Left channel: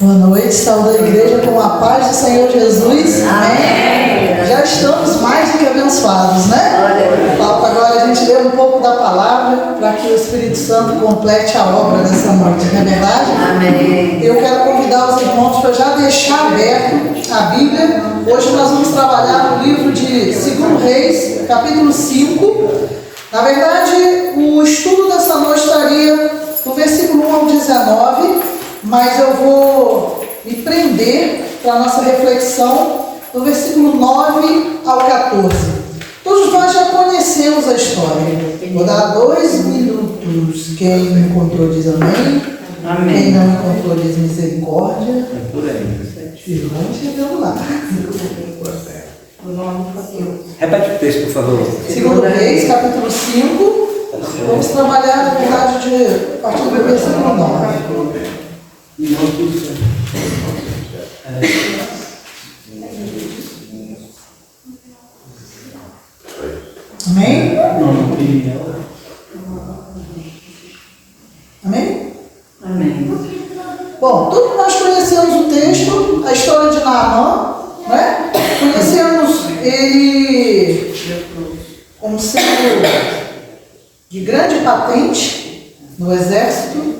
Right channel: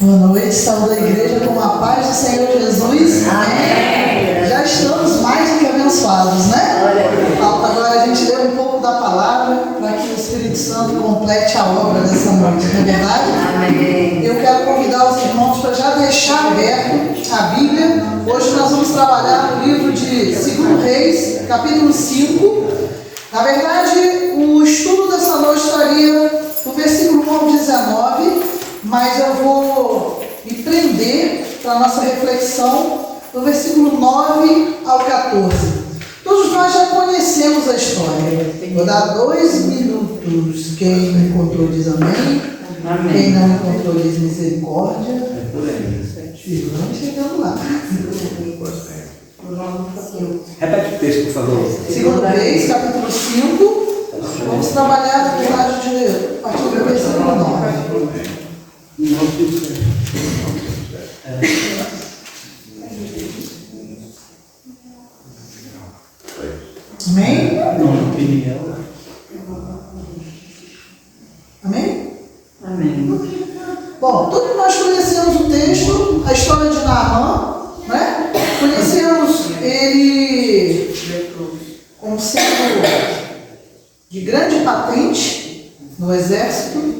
Boa noite, saúde da igreja com a paz do Senhor Jesus. Amém. Já estamos mais do que abençoados, né? Falta agora a gente ler um pouco da palavra para que o Espírito Santo complete a obra dessa noite, não é verdade? Amém. Eu quero convidar os irmãos para já deixar aberto a Bíblia. Hoje nós vamos trabalhar no livro de 2 Reis, capítulo 5. Na verdade, o estudo dessa noite estaria do versículo 1 ao 19, mas eu vou me prender para a nossa reflexão do versículo 9 ao 14. Todos nós já conhecemos a história. Vou dar 2 minutos. Quem encontrou diz amém. Amém. Quem não encontrou diz misericórdia. É por aí. Vamos chegando lá. Repete o texto, por favor. 2 Reis, capítulo 5. Vamos trabalhar, na verdade, a partir do versículo 9. Amém? Amém? Amém. Bom, todos nós conhecemos o texto, a história de Naamã, né? Conhecemos ele como sendo de grande patente no exército.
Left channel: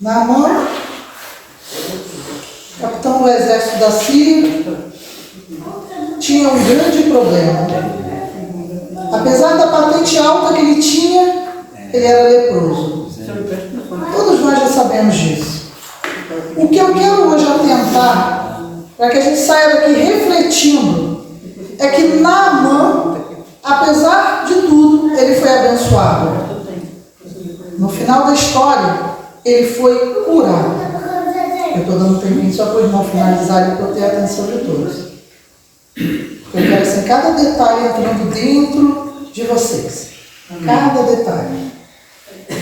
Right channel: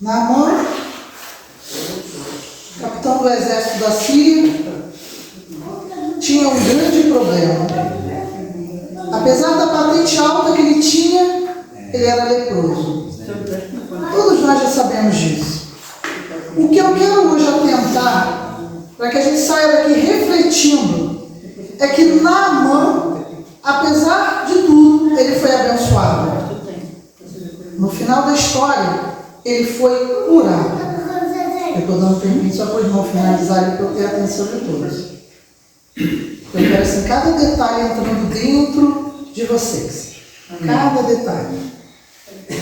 Naamã, capitão do exército da Síria, tinha um grande problema. Apesar da patente alta que ele tinha, ele era leproso. Todos nós já sabemos disso. O que eu quero hoje atentar, para que a gente saia daqui refletindo, é que Naamã, apesar de tudo, ele foi abençoado. No final da história, ele foi curado. Eu estou dando um tempinho só para o irmão finalizar e para eu ter a atenção de todos. Eu quero assim, cada detalhe entrando dentro de vocês. Cada detalhe.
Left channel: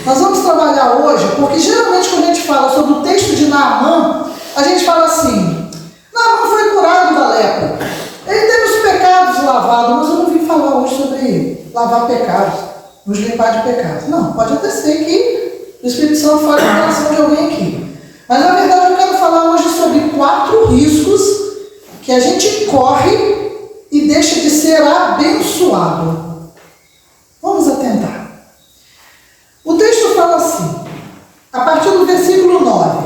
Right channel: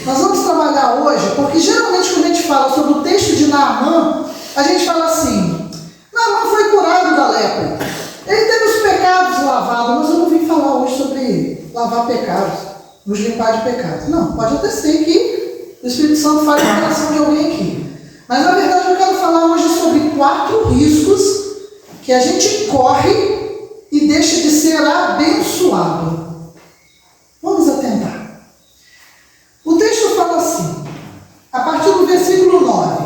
Nós vamos trabalhar hoje, porque geralmente quando a gente fala sobre o texto de Naamã, a gente fala assim: Naamã foi curado da lepra. Ele teve os pecados lavados, mas eu não vim falar hoje sobre lavar pecados, nos limpar de pecados. Não, pode até ser que o Espírito Santo fale no coração de alguém aqui. Mas na verdade eu quero falar hoje sobre 4 riscos que a gente corre e deixa de ser abençoado. Vamos atentar. O texto fala assim, a partir do versículo 9:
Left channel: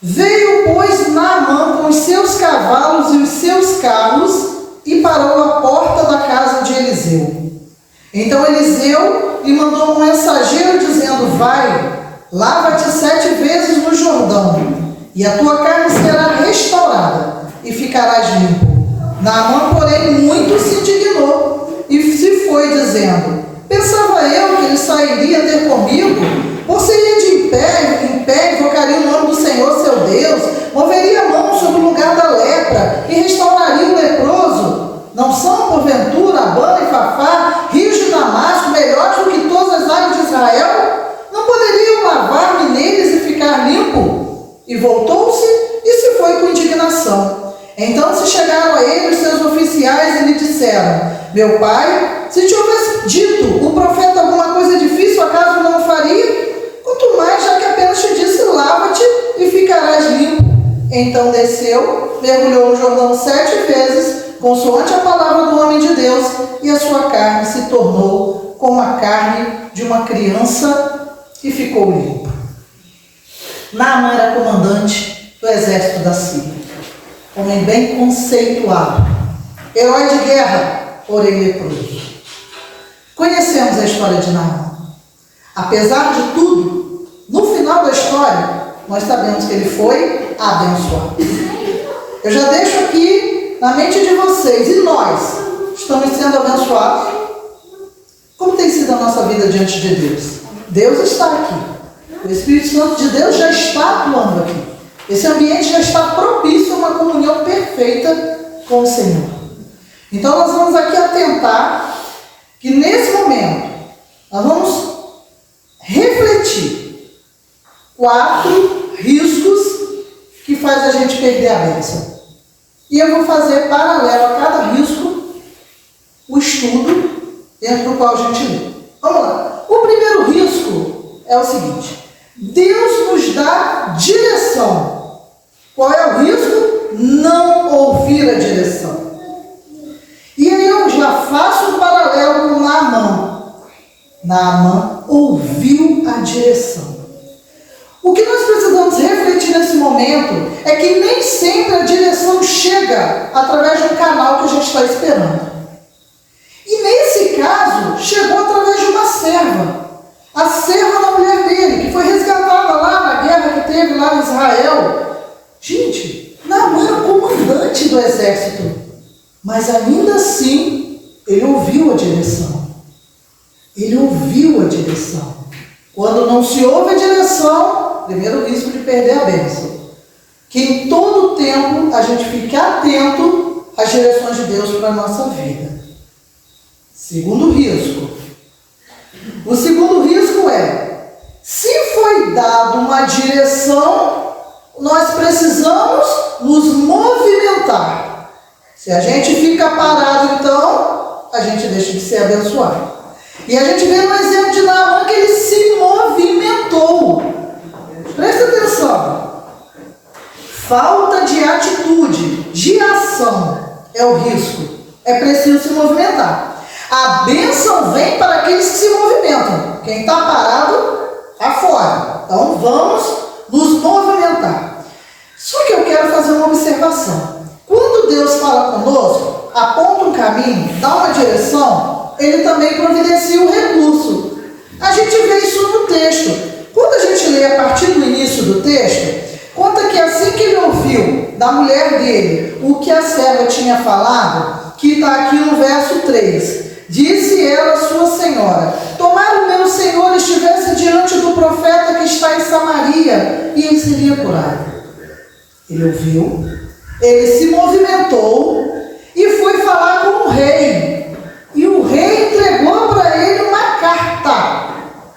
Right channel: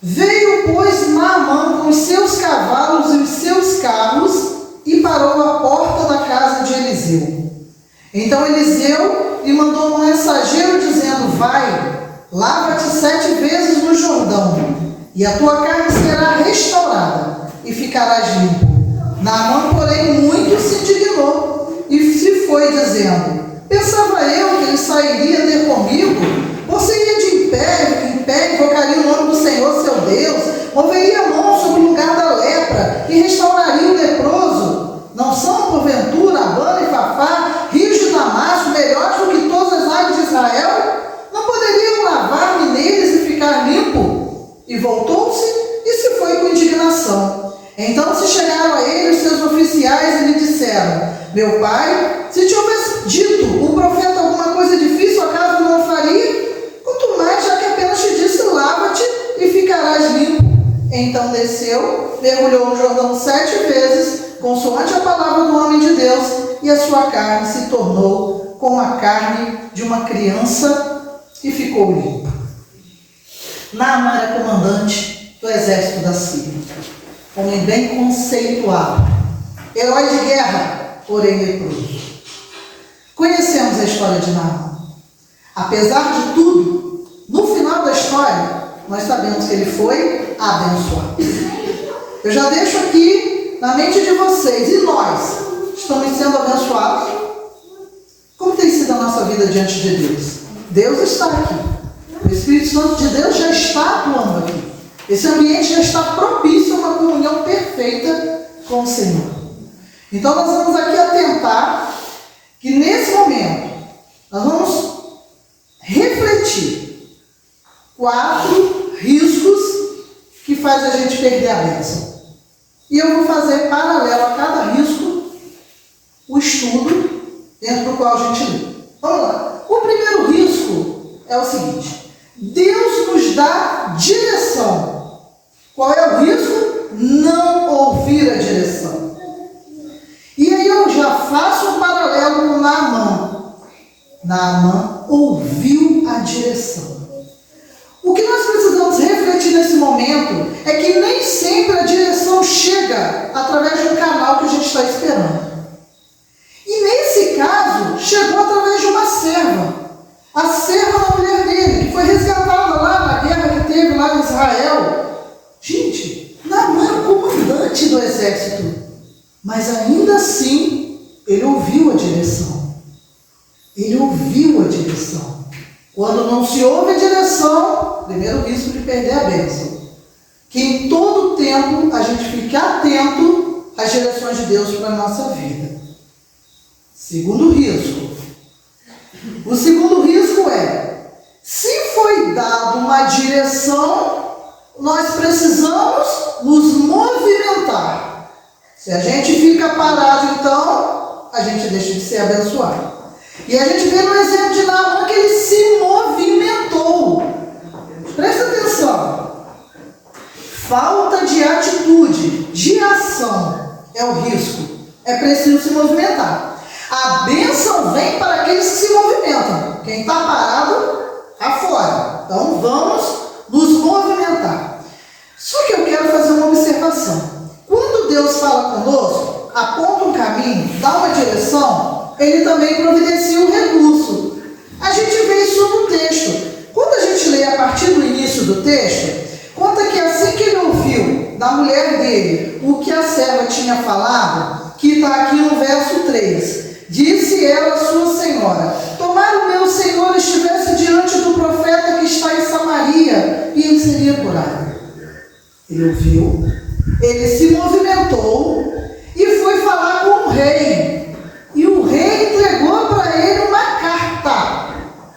Veio, pois, Naamã com os seus cavalos e os seus carros e parou à porta da casa de Eliseu. Então Eliseu lhe mandou um mensageiro dizendo: Vai, lava-te 7 vezes no Jordão, e a tua carne será restaurada, e ficarás limpo. Naamã, porém, muito se indignou, e se foi dizendo: Pensava eu que ele sairia ter comigo, ou seria de em pé, invocaria o nome do Senhor seu Deus, moveria a mão sobre o lugar da lepra, e restauraria o leproso. Não são, porventura, Abana e Fafá, rios de Damasco, melhores do que todas as águas de Israel? Não poderiam lavar-me neles e ficar limpo? E voltou-se e se foi com indignação. Então se chegaram a ele os seus oficiais e lhe disseram: Meu pai, se te houvesse dito o profeta alguma coisa difícil, acaso não o faria? Quanto mais, já que apenas te disse: Lava-te e ficarás limpo. Então desceu, mergulhou no Jordão 7 vezes, consoante a palavra do homem de Deus, e a sua carne se tornou como a carne de uma criança e ficou limpa. Naamã era comandante do exército da Síria, homem bem conceituado, herói de guerra, porém leproso. Conhecemos a história de Naamã. Apesar de tudo, no final da história, nós sabemos que ele foi abençoado. Eu já deixo aqui na mente de vocês, e nós estamos sendo abençoados? Como tem sido a nossa vida diante de Deus? Deus está aqui. O Espírito Santo de Deus já está atuando aqui. Esse ambiente já está propício a uma comunhão perfeita com o Senhor. Então nós vamos aqui atentar que nesse momento nós vamos refletir 4 riscos que faz a gente perder a bênção. E eu vou fazer paralelo a cada risco o estudo dentro do qual a gente lê. Vamos lá. O primeiro risco é o seguinte: Deus nos dá direção. Qual é o risco? Não ouvir a direção. E aí eu já faço um paralelo com Naamã. Naamã ouviu a direção. O que nós precisamos refletir nesse momento é que nem sempre a direção chega através de um canal que a gente está esperando. E nesse caso, chegou através de uma serva. A serva da mulher dele, que foi resgatada lá na guerra que teve lá em Israel. Gente, Naamã era o comandante do exército. Mas ainda assim, ele ouviu a direção. Ele ouviu a direção. Quando não se ouve a direção, primeiro risco de perder a bênção. Que em todo tempo a gente fique atento às direções de Deus para a nossa vida. Segundo risco. O segundo risco é, se foi dado uma direção, nós precisamos nos movimentar. Se a gente fica parado, então, a gente deixa de ser abençoado. E a gente vê no exemplo de Naamã que ele se movimentou. Presta atenção. Falta de atitude, de ação, é o risco. É preciso se movimentar. A bênção vem para aqueles que se movimentam. Quem está parado, está fora. Então vamos nos movimentar. Só que eu quero fazer uma observação. Quando Deus fala conosco, aponta um caminho, dá uma direção, Ele também providencia o recurso. A gente vê isso no texto. Quando a gente lê a partir do início do texto, conta que assim que ele ouviu da mulher dele o que a serva tinha falado, que está aqui no verso 3, disse ela à sua senhora: tomara o meu senhor estivesse diante do profeta que está em Samaria, e ele seria curado. Ele ouviu, ele se movimentou e foi falar com o rei. E o rei entregou para ele uma carta.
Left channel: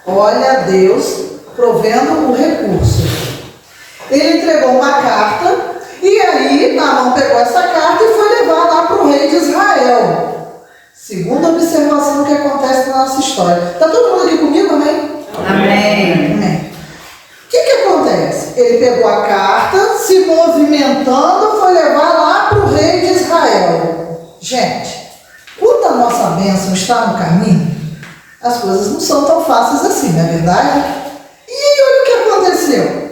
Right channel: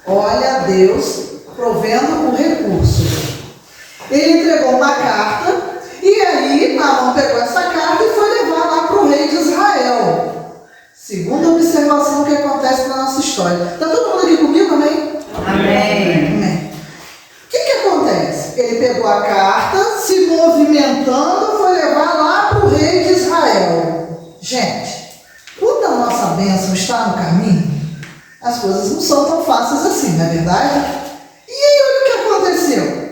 Olha Deus provendo o recurso. Ele entregou uma carta, e aí Naamã pegou essa carta e foi levar lá para o rei de Israel. Segunda observação que acontece na nossa história. Está todo mundo aqui comigo, amém? Amém. Amém. O que acontece? Ele pegou a carta, se movimentando, foi levar lá para o rei de Israel. Gente, quando a nossa bênção está no caminho, as coisas não são tão fáceis assim, não é verdade? E aí, olha o que aconteceu.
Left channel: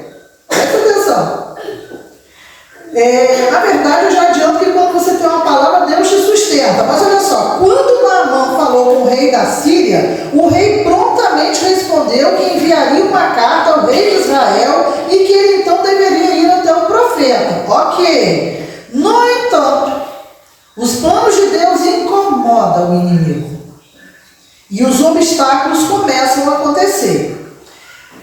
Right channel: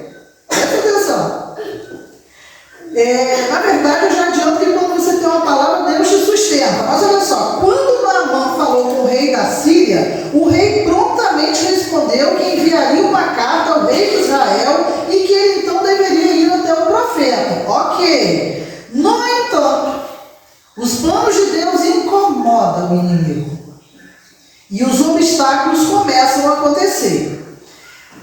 Presta atenção. Na verdade, eu já adianto que quando você tem uma palavra, Deus te sustenta. Mas olha só, quando Naamã falou com o rei da Síria, o rei prontamente respondeu que enviaria uma carta ao rei de Israel e que ele então deveria ir até o profeta. Ok. No entanto, os planos de Deus incomodam o inimigo. E os obstáculos começam a acontecer.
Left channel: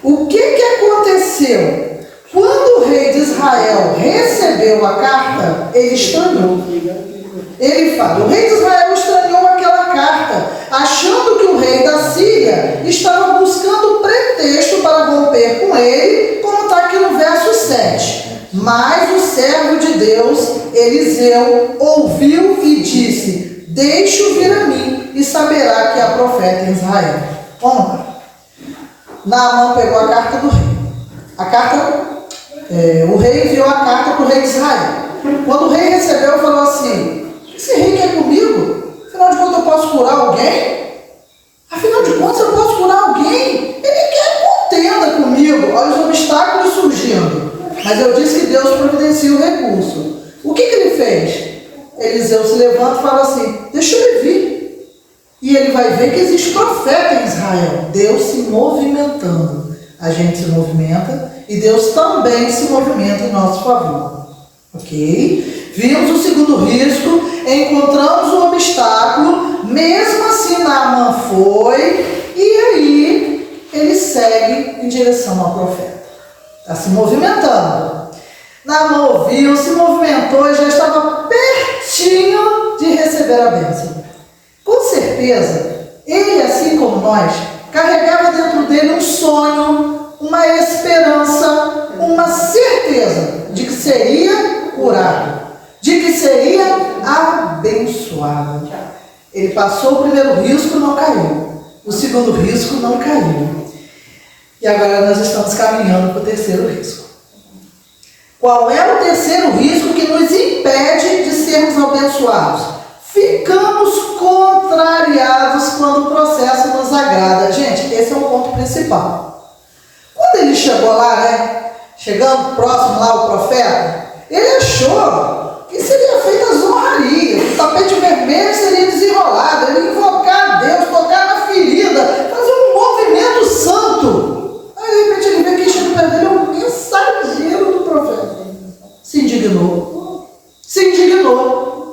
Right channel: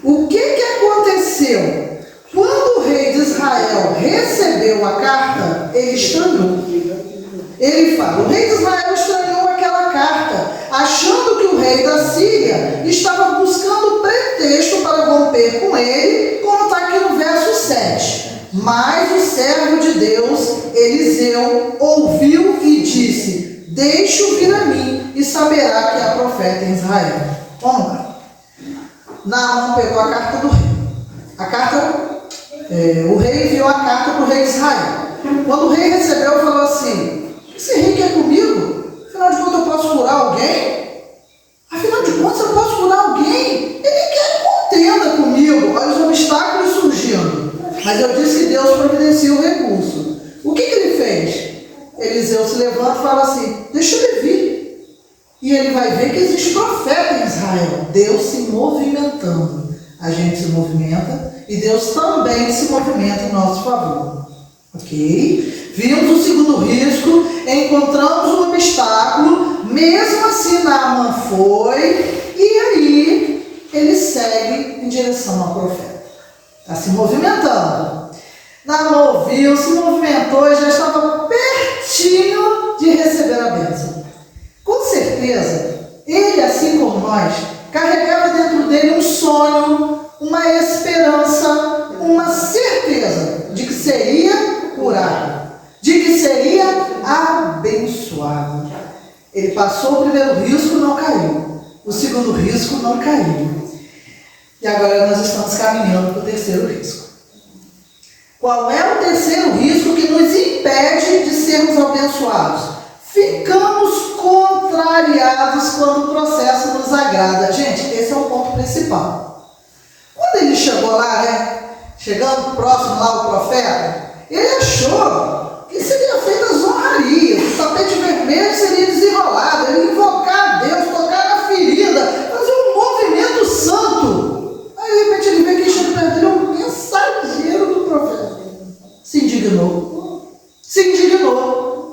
O que aconteceu? Quando o rei de Israel recebeu a carta, ele estranhou. Ele fala, o rei de Israel estranhou aquela carta, achando que o rei da Síria estava buscando pretexto para romper com ele, como está aqui no verso 7. Mas o servo de Deus, Eliseu, ouviu e disse: deixe-o vir a mim e saberá que há profeta em Israel. Vamos lá. Naamã pegou a carta do rei. O rei enviou a carta para o rei de Israel. Quando o rei recebeu, falou assim: esse rei quer comigo? Afinal de contas, eu posso curar alguém? Afinal de contas, eu posso curar alguém? Ele quer contenda comigo. Olha os obstáculos surgindo. Mas eu disse que Deus providencia o recurso. O que ele fez? Eliseu se levanta e fala assim: deixa ele vir. E ele vai ver que existe profeta em Israel. Deus se movimentando. A gente se movimenta e Deus também se movimenta em nosso favor. Ok? Vimos o segundo risco, encontramos um obstáculo, mesmo assim Naamã foi, e aí ele segue em direção ao profeta. Está se movimentando. Naamã ouviu, se movimentou e já estava pertinho de receber a bênção. Com certeza, ele, assim como nós, carregava dentro dele um sonho, uma esperança, uma certeza de que seria curado, de que seria abençoado. Ele passou o primeiro risco, não caiu. O segundo risco não caiu. E agora nós estamos caminhando para o terceiro risco. Qual é o terceiro risco que nos impede de sermos abençoados? Ficamos contrariados quando o processo nos agrada. Gente, esse é o ponto principal. Quando ele chegou lá, chegando próximo lá o profeta, ele achou que seria feita as honrarias, o tapete vermelho seria desenrolado, ele ia invocar a Deus, tocar na ferida, fazer um movimento santo. Aí de repente ele vê que chega perto dele um mensageiro do profeta. Se indignou.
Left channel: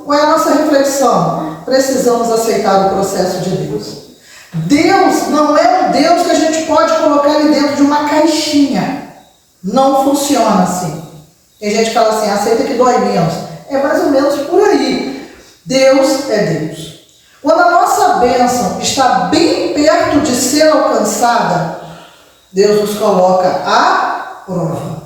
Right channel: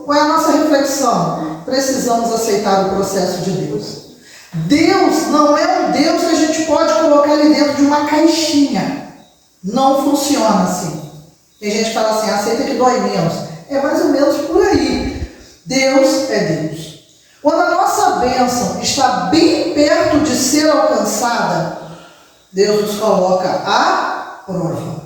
Qual é a nossa reflexão? Precisamos aceitar o processo de Deus. Deus não é um Deus que a gente pode colocar ele dentro de uma caixinha. Não funciona assim. Tem gente que fala assim, aceita que dói menos. É mais ou menos por aí. Deus é Deus. Quando a nossa bênção está bem perto de ser alcançada, Deus nos coloca à prova.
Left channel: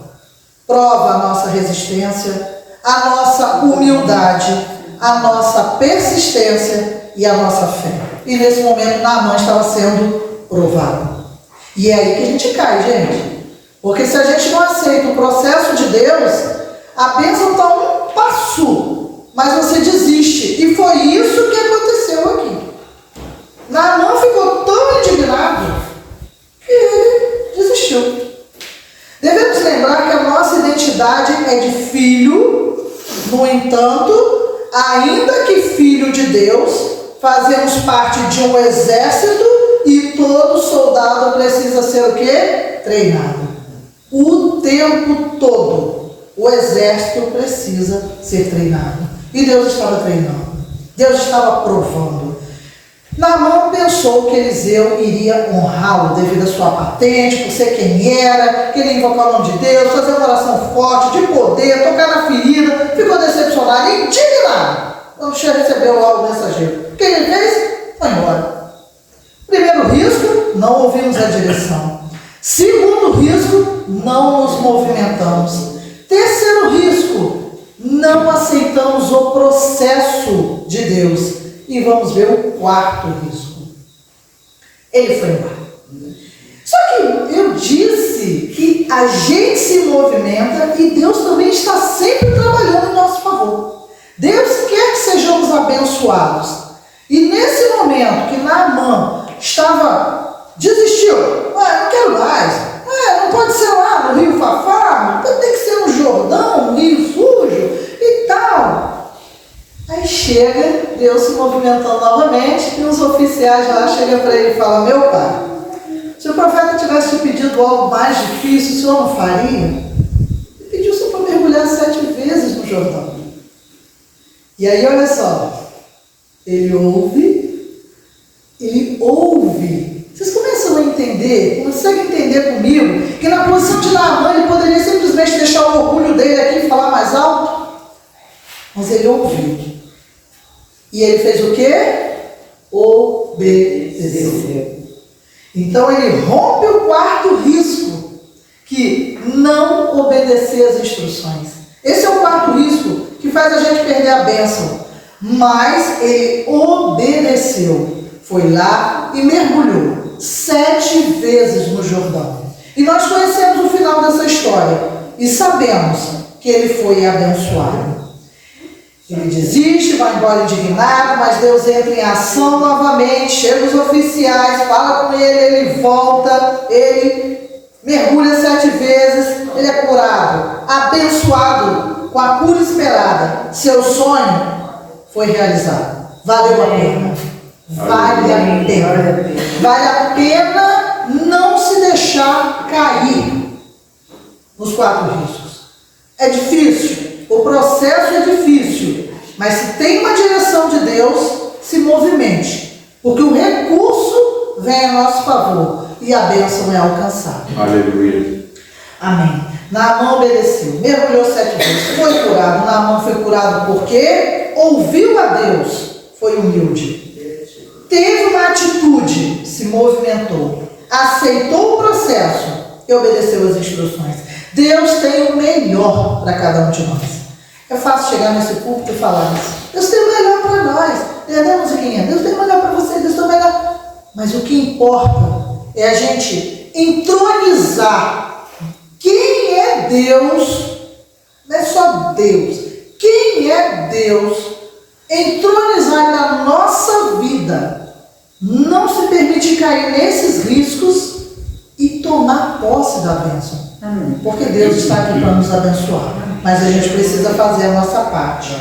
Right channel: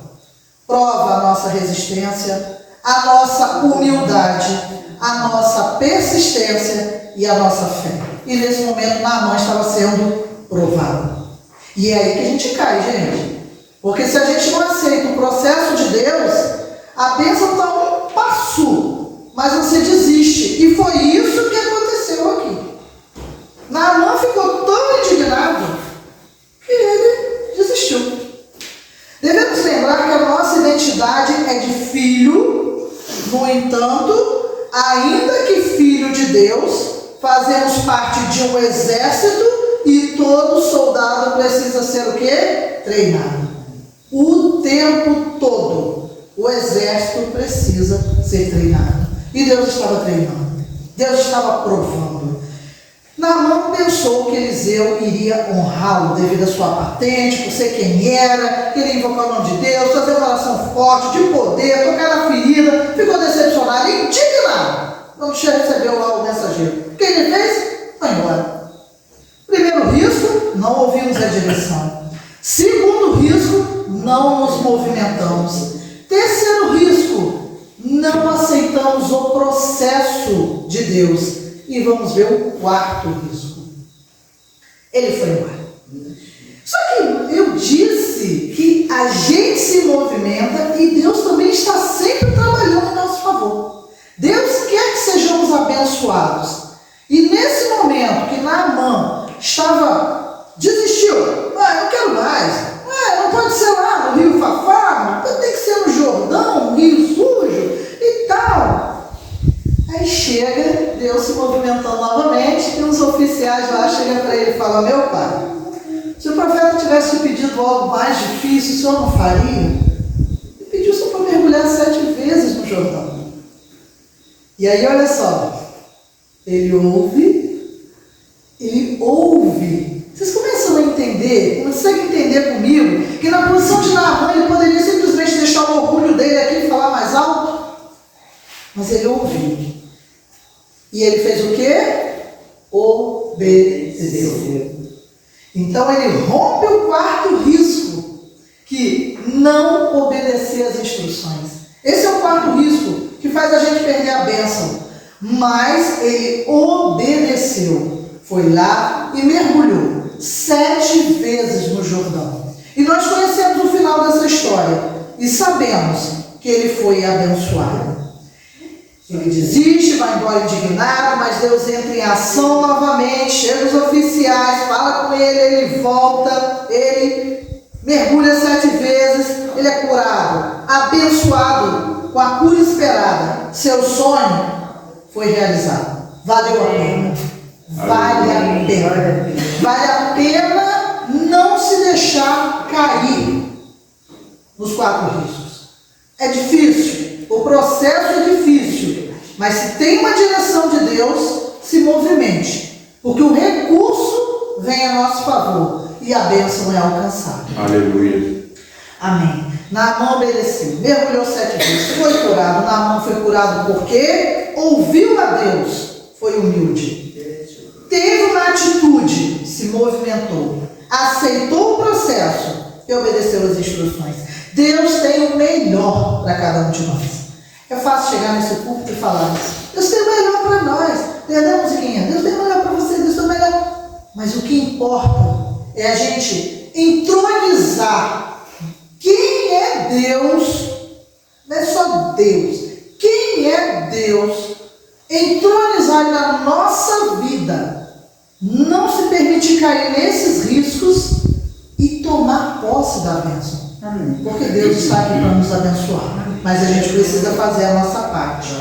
Prova a nossa resistência, a nossa humildade, a nossa persistência e a nossa fé. E nesse momento Naamã estava sendo provado. E é aí que a gente cai, gente. Porque se a gente não aceita o processo de Deus, a bênção está um passo, mas você desiste. E foi isso que aconteceu aqui. Naamã ficou tão indignado que ele desistiu. Devemos lembrar que a nossa identidade é de filho, no entanto, ainda que filho de Deus, fazemos parte de um exército e todo soldado precisa ser o quê? Treinado. O tempo todo, o exército precisa ser treinado. E Deus estava treinando. Deus estava provando. Naamã pensou que Eliseu iria honrá-lo devido à sua patente, por ser quem era, queria invocar o nome de Deus, fazer uma oração forte, de poder, tocar na ferida, ficou decepcionado, indignado. Quando recebeu lá o mensageiro. O que ele fez? Foi embora. Primeiro risco, não ouvimos a direção. Segundo risco, não nos movimentamos. Terceiro risco, não aceitamos o processo de Deus. E vamos ver o quarto risco. Ele foi embora. Só que eu disse que a gente se movimenta e Deus também está sempre trabalhando em nosso favor. Deus quer que sejamos abençoados. E nesse momento que Naamã desistiu, não quero mais, não pode ser lá no Rio Fafá, tem que ser no Jordão, no Rio Sujo e tal. Aí chega, Deus se movimentando novamente, e os oficiais lá chegam para ele e falam, meu pai, se o profeta tivesse te pedido algo mais difícil, o senhor não faria? Ele pediu só para mergulhar 7 vezes no Jordão. E aí, olha só, ele ouve. Vocês começam a entender, conseguem entender comigo, que na posição de Naamã ele poderia simplesmente deixar o orgulho dele aqui e falar mais alto? Mas ele ouviu. E ele fez o quê? Obedeceu. Então ele rompe o quarto risco, que não obedecer às instruções. Esse é o quarto risco que faz a gente perder a bênção. Mas ele obedeceu. Foi lá e mergulhou 7 vezes no Jordão. E nós conhecemos o final dessa história. E sabemos que ele foi abençoado. Ele desiste, vai embora indignado, mas Deus entra em ação novamente, chega os oficiais, fala com ele, ele volta, ele mergulha 7 vezes, ele é curado, abençoado com a cura esperada. Seu sonho foi realizado. Valeu a pena. Vale a pena. Vale a pena não se deixar cair nos 4 riscos. É difícil. O processo é difícil, mas se tem uma direção de Deus, se movimente, porque o recurso vem a nosso favor e a bênção é alcançada. Aleluia. Amém. Naamã obedeceu, mergulhou 7 vezes, foi curado. Naamã foi curado porque ouviu a Deus, foi humilde, teve uma atitude, se movimentou, aceitou o processo e obedeceu as instruções. Deus tem o melhor para cada um de nós. É fácil chegar nesse púlpito e falar isso. Deus tem o melhor para nós. Cadê a musiquinha? Deus tem o melhor para você, Deus tem o melhor. Mas o que importa é a gente entronizar. Quem é Deus? Não é só Deus. Quem é Deus? Entronizar na nossa vida. Não se permite cair nesses riscos e tomar posse da bênção. Amém. Porque Deus está aqui para nos abençoar. Mas a gente precisa fazer a nossa parte.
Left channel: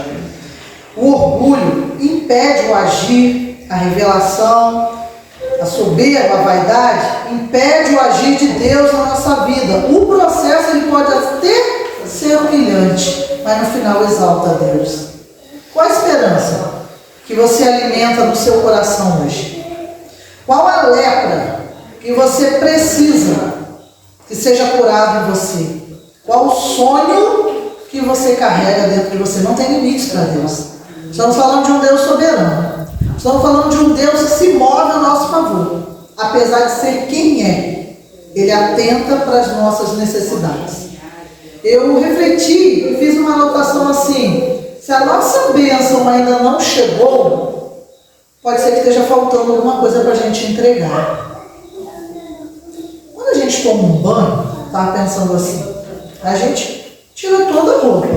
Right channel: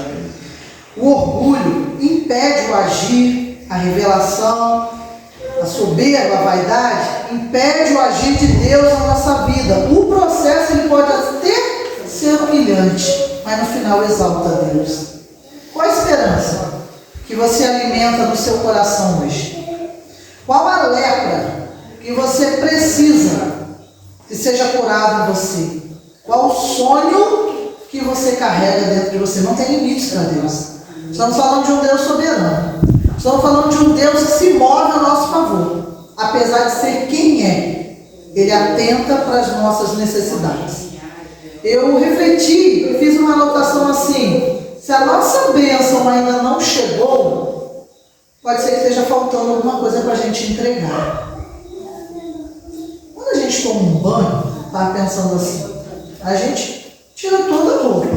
O orgulho impede o agir, a revelação, a soberba, a vaidade, impede o agir de Deus na nossa vida. O processo ele pode até ser humilhante, mas no final exalta a Deus. Qual a esperança que você alimenta no seu coração hoje? Qual a lepra que você precisa que seja curado em você? Qual o sonho que você carrega dentro de você? Não tem limites para Deus. Estamos falando de um Deus soberano. Estamos falando de um Deus que se move a nosso favor. Apesar de ser quem é, Ele atenta para as nossas necessidades. Eu refleti, eu fiz uma anotação assim: se a nossa bênção ainda não chegou, pode ser que esteja faltando alguma coisa para a gente entregar. Quando a gente toma um banho, estava pensando assim, a gente tira toda a roupa,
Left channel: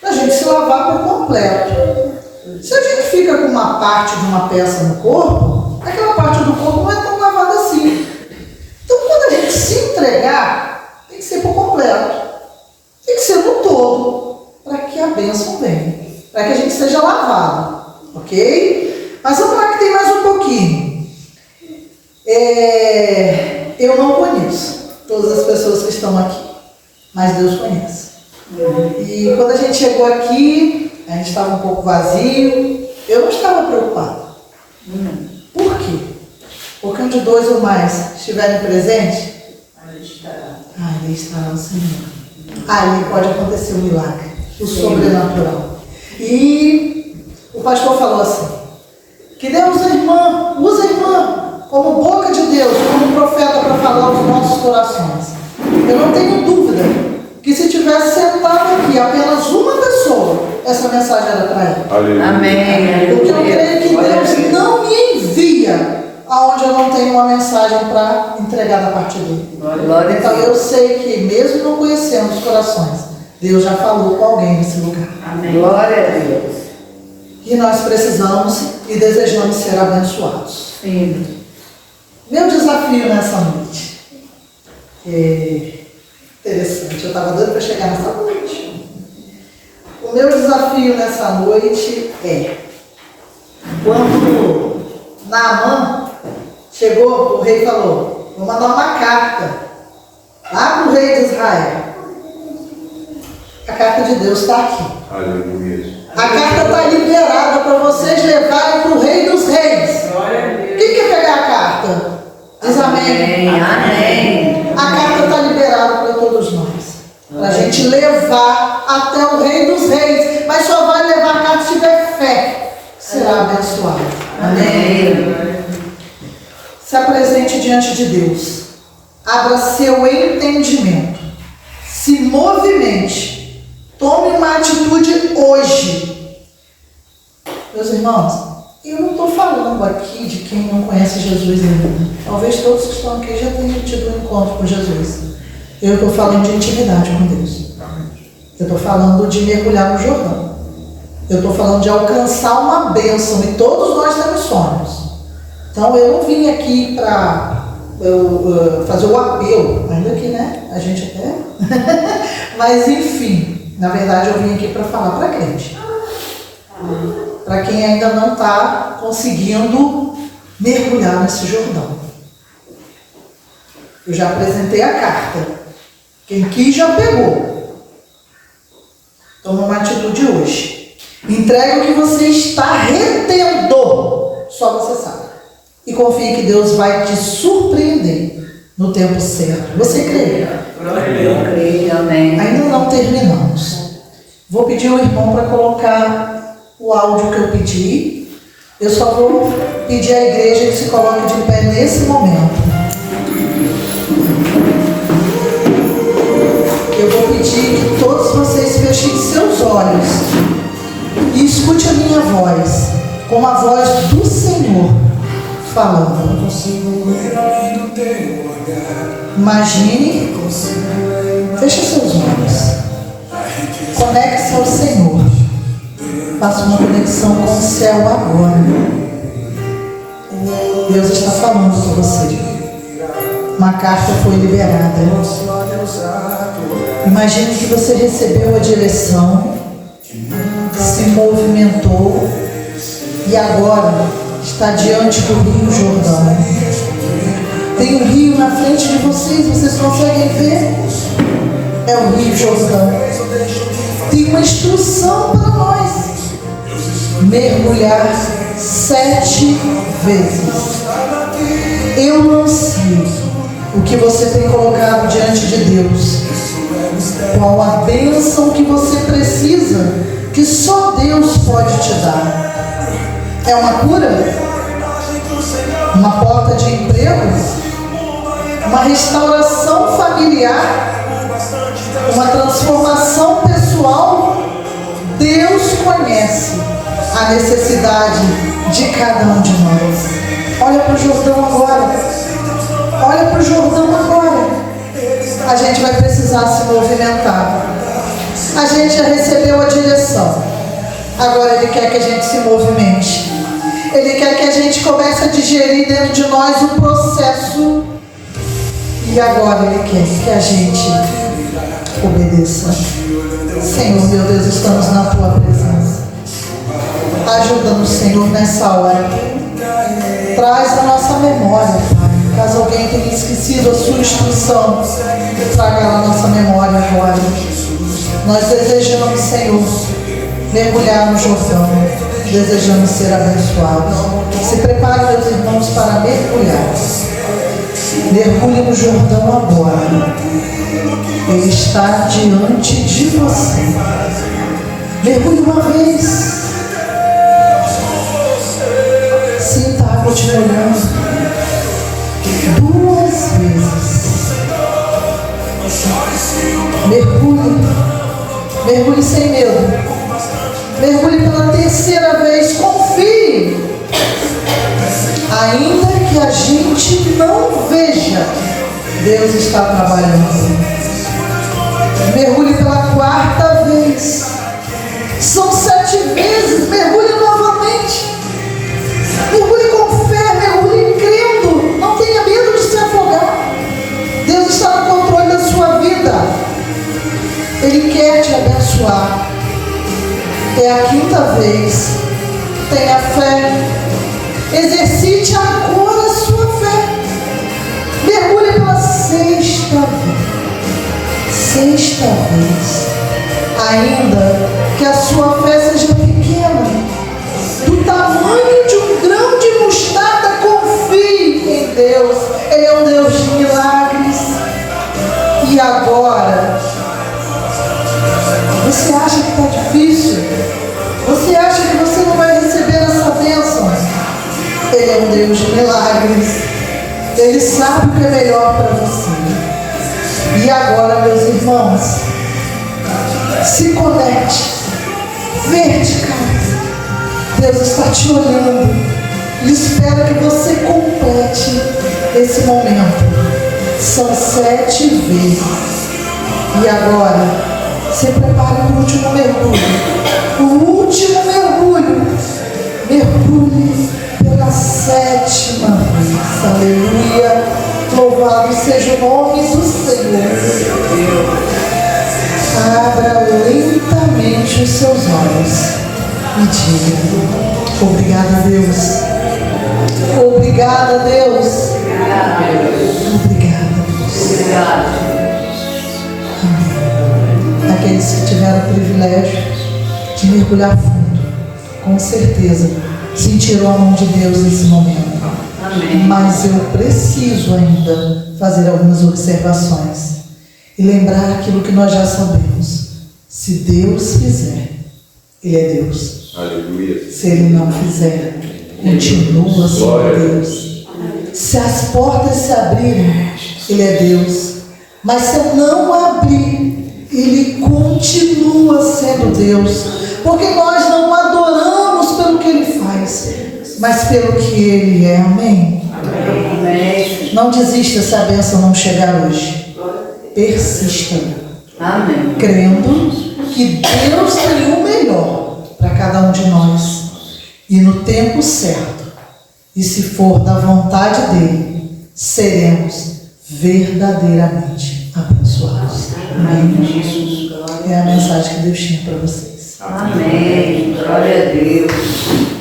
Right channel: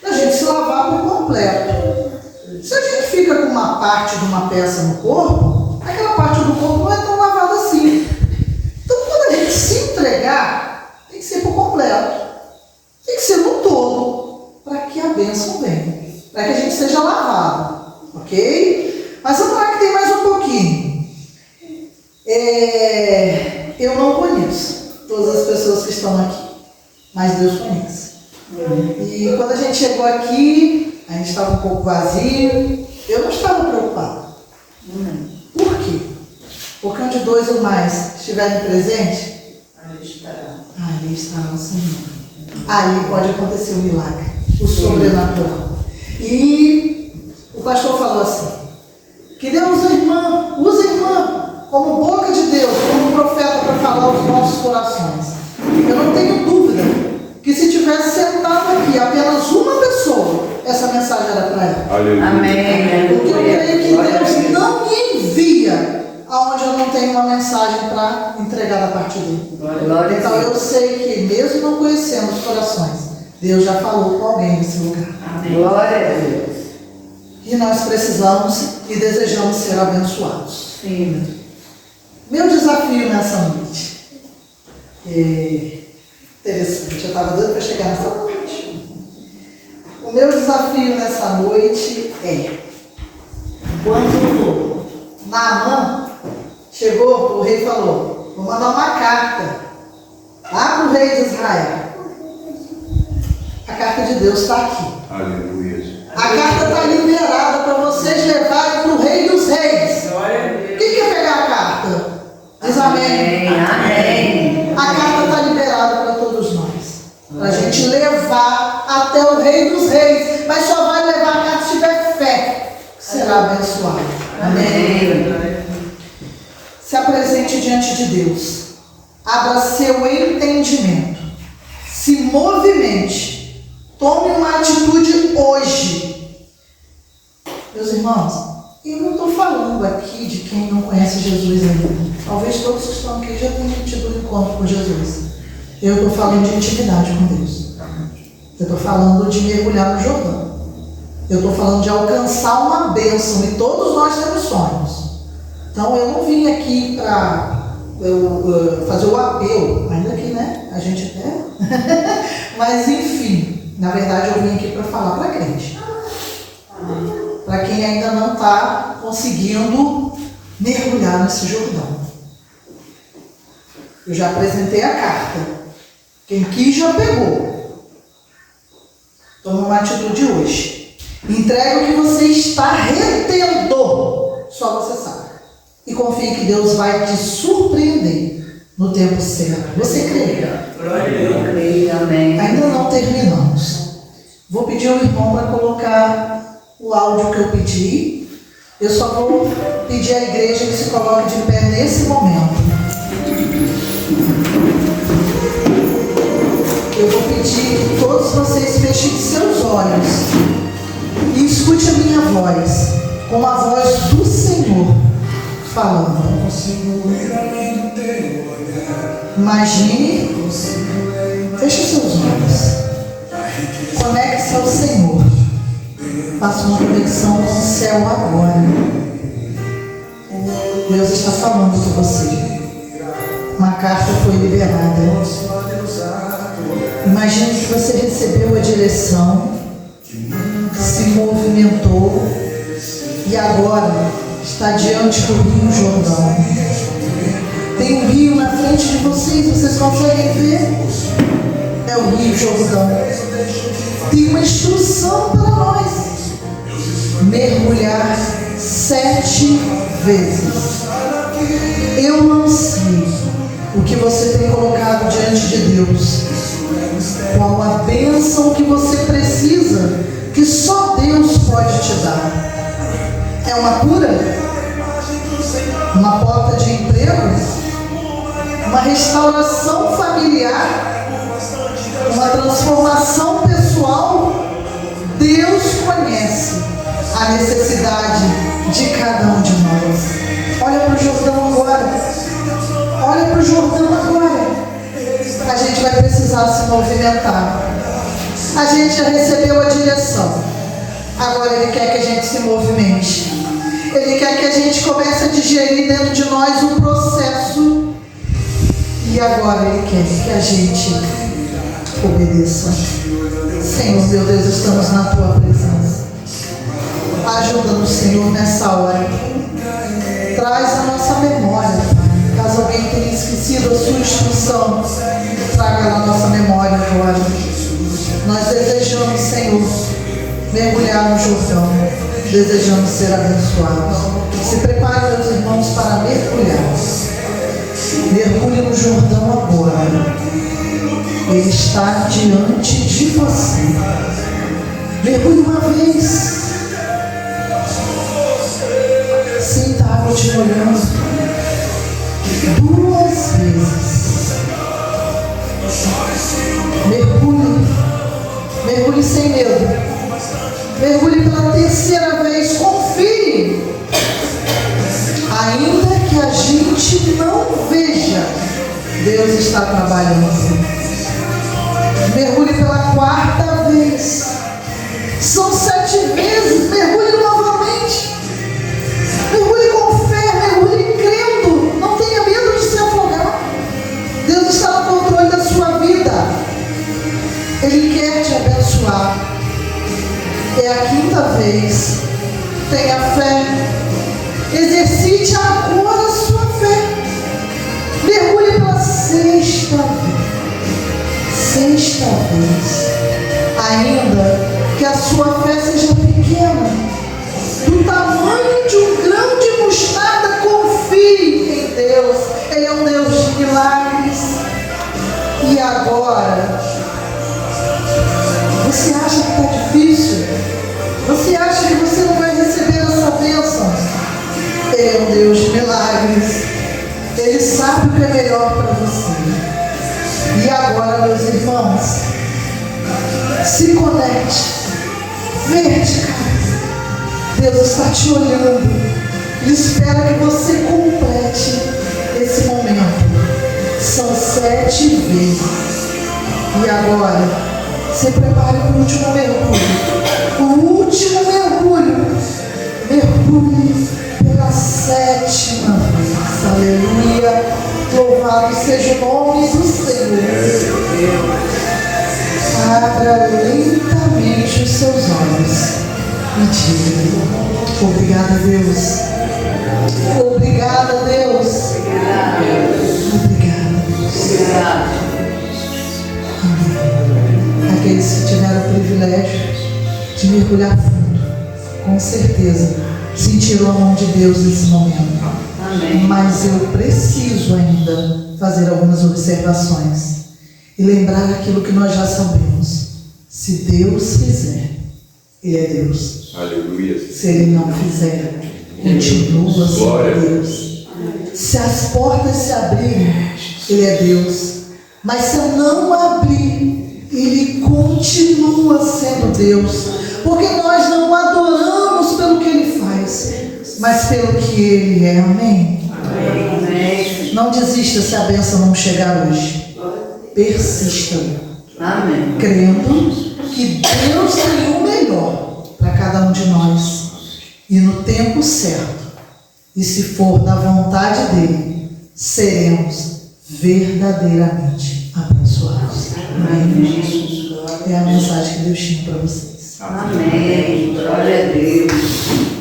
para a gente se lavar por completo. Se a gente fica com uma parte de uma peça no corpo, aquela parte do corpo não é tão lavada assim. Então, quando a gente se entregar, tem que ser por completo. Tem que ser no todo, para que a bênção venha, para que a gente seja lavado, ok? Mas vamos lá que tem mais um pouquinho. Eu não conheço todas as pessoas que estão aqui, mas Deus conhece. E quando a gente chegou aqui, a gente estava um pouco vazio, eu não estava preocupado. Por quê? Porque onde dois ou mais estiverem presentes, ali estará o Senhor. Ali pode acontecer um milagre, o sobrenatural. E o pastor falou assim, que Deus usa a irmã como boca de Deus, como profeta para falar aos nossos corações. Eu não tenho dúvida que se tivesse sentado aqui apenas uma pessoa, essa mensagem era para ela. Aleluia. Amém. Porque eu creio que Deus não me envia aonde eu não tenho uma mensagem para entregar da parte dele. Glória Então a eu Deus. sei que mesmo não conhecendo os corações, Deus já falou com alguém nesse lugar. Amém. Glória a Deus. E nós precisamos e desejamos ser abençoados. Sim. Meu desafio nessa noite é interessante, eu estava doida para chegar nessa noite. O meu desafio nessa noite é, quando Naamã chegou, o rei falou, vou mandar uma carta lá para o rei de Israel. A carta de Deus está aqui. Aleluia. A carta está liberada para vocês levarem para o rei dos reis. Quem quer pegar a carta? Diz amém. Amém. A carta está liberada para todos nós. Para a gente levar até o rei dos reis. Mas só vai levar a carta se tiver fé. Será abençoado. Amém. Se apresente diante de Deus. Abra seu entendimento. Se movimente. Tome uma atitude hoje. Meus irmãos, eu não estou falando aqui de quem não conhece Jesus ainda. Talvez todos que estão aqui já tenham tido um encontro com Jesus. Eu estou falando de intimidade com Deus. Eu estou falando de mergulhar no Jordão. Eu estou falando de alcançar uma bênção. E todos nós temos sonhos. Então eu não vim aqui para fazer o apelo. Ainda que, né? A gente até... Mas enfim... Na verdade, eu vim aqui para falar para crente. Para quem ainda não está conseguindo mergulhar nesse Jordão. Eu já apresentei a carta. Quem quis já pegou. Toma uma atitude hoje. Entregue o que você está retendo. Só você sabe. E confie que Deus vai te surpreender no tempo certo. Você crê? Eu creio. Amém. Ainda não terminamos. Vou pedir ao irmão para colocar o áudio que eu pedi. Eu só vou pedir à igreja que se coloque de pé nesse momento. Eu vou pedir que todos vocês fechem seus olhos e escute a minha voz, com a voz do Senhor falando. Não consigo ver além do teu Imagine, feche seus olhos, conecte-se ao Senhor, faça uma conexão com o céu agora. Deus está falando com você. Uma carta foi liberada. Imagine que você recebeu a direção, se movimentou e agora está diante do Rio Jordão. Tem um rio na frente de vocês conseguem ver? É o Rio Jordão. Tem uma instrução para nós: mergulhar 7 vezes. Eu não sei o que você tem colocado diante de Deus, qual a bênção que você precisa, que só Deus pode te dar. É uma cura? Uma porta de emprego? Uma restauração familiar? Uma transformação pessoal? Deus conhece a necessidade de cada um de nós. Olha para o Jordão agora. Olha para o Jordão agora. A gente vai precisar se movimentar. A gente já recebeu a direção. Agora Ele quer que a gente se movimente. Ele quer que a gente comece a digerir dentro de nós o processo. E agora Ele quer que a gente obedeça. Senhor, meu Deus, estamos na Tua presença. Ajuda-nos, Senhor, nessa hora. Traz a nossa memória, Pai. Caso alguém tenha esquecido a sua instrução, traga a nossa memória agora. Nós desejamos, Senhor, mergulhar no Jordão. Desejamos ser abençoados. Se prepare, meus irmãos, para mergulhar. Mergulhe no Jordão agora. Ele está diante de você. Mergulhe uma vez. Sinta a água te molhando. 2 vezes. Mergulhe. Mergulhe sem medo. Mergulhe pela 3ª vez. Confie. Ainda que a gente não veja, Deus está trabalhando. Mergulhe pela 4ª vez. São 7 vezes. Mergulhe novamente. Mergulhe com fé. Mergulhe crendo. Não tenha medo de se afogar. Deus está no controle da sua vida. Ele quer te abençoar. É a 5ª vez. Tenha fé. Exercite agora a sua fé. Mergulhe pela 6ª vez. 6ª vez. Ainda que a sua fé seja pequena, do tamanho de um grão de mostarda, confie em Deus. Ele é um Deus de milagres. E agora, você acha que está difícil? Você acha que você não vai receber essa bênção? Ele é um Deus de milagres. Ele sabe o que é melhor para você. E agora, meus irmãos, se conecte. Vertical. Deus está te olhando. Ele espera que você complete esse momento. São 7 vezes. E agora, se prepare para o último mergulho. O último mergulho. Mergulhe pela 7ª vez. Aleluia. Louvado seja o nome do Senhor. Abra lentamente os seus olhos e diga: obrigada, Deus. Obrigada, Deus. Obrigada, Deus. Amém. Aqueles que tiveram o privilégio de mergulhar fundo, com certeza sentirão a mão de Deus nesse momento. Amém. Mas eu preciso ainda fazer algumas observações e lembrar aquilo que nós já sabemos. Se Deus fizer, Ele é Deus. Aleluia. Se Ele não fizer, continua sendo Deus. Se as portas se abrirem, Ele é Deus. Mas se não abrir, Ele continua sendo Deus. Porque nós não adoramos pelo que Ele faz, mas pelo que Ele é. Amém? Amém. Não desista se a bênção não chegar hoje. Persista, Amém. crendo que Deus tem o melhor para cada um de nós e no tempo certo. E se for da vontade dele, seremos verdadeiramente abençoados. Amém, Jesus? É a mensagem que Deus tinha para vocês. Amém. Glória a Deus.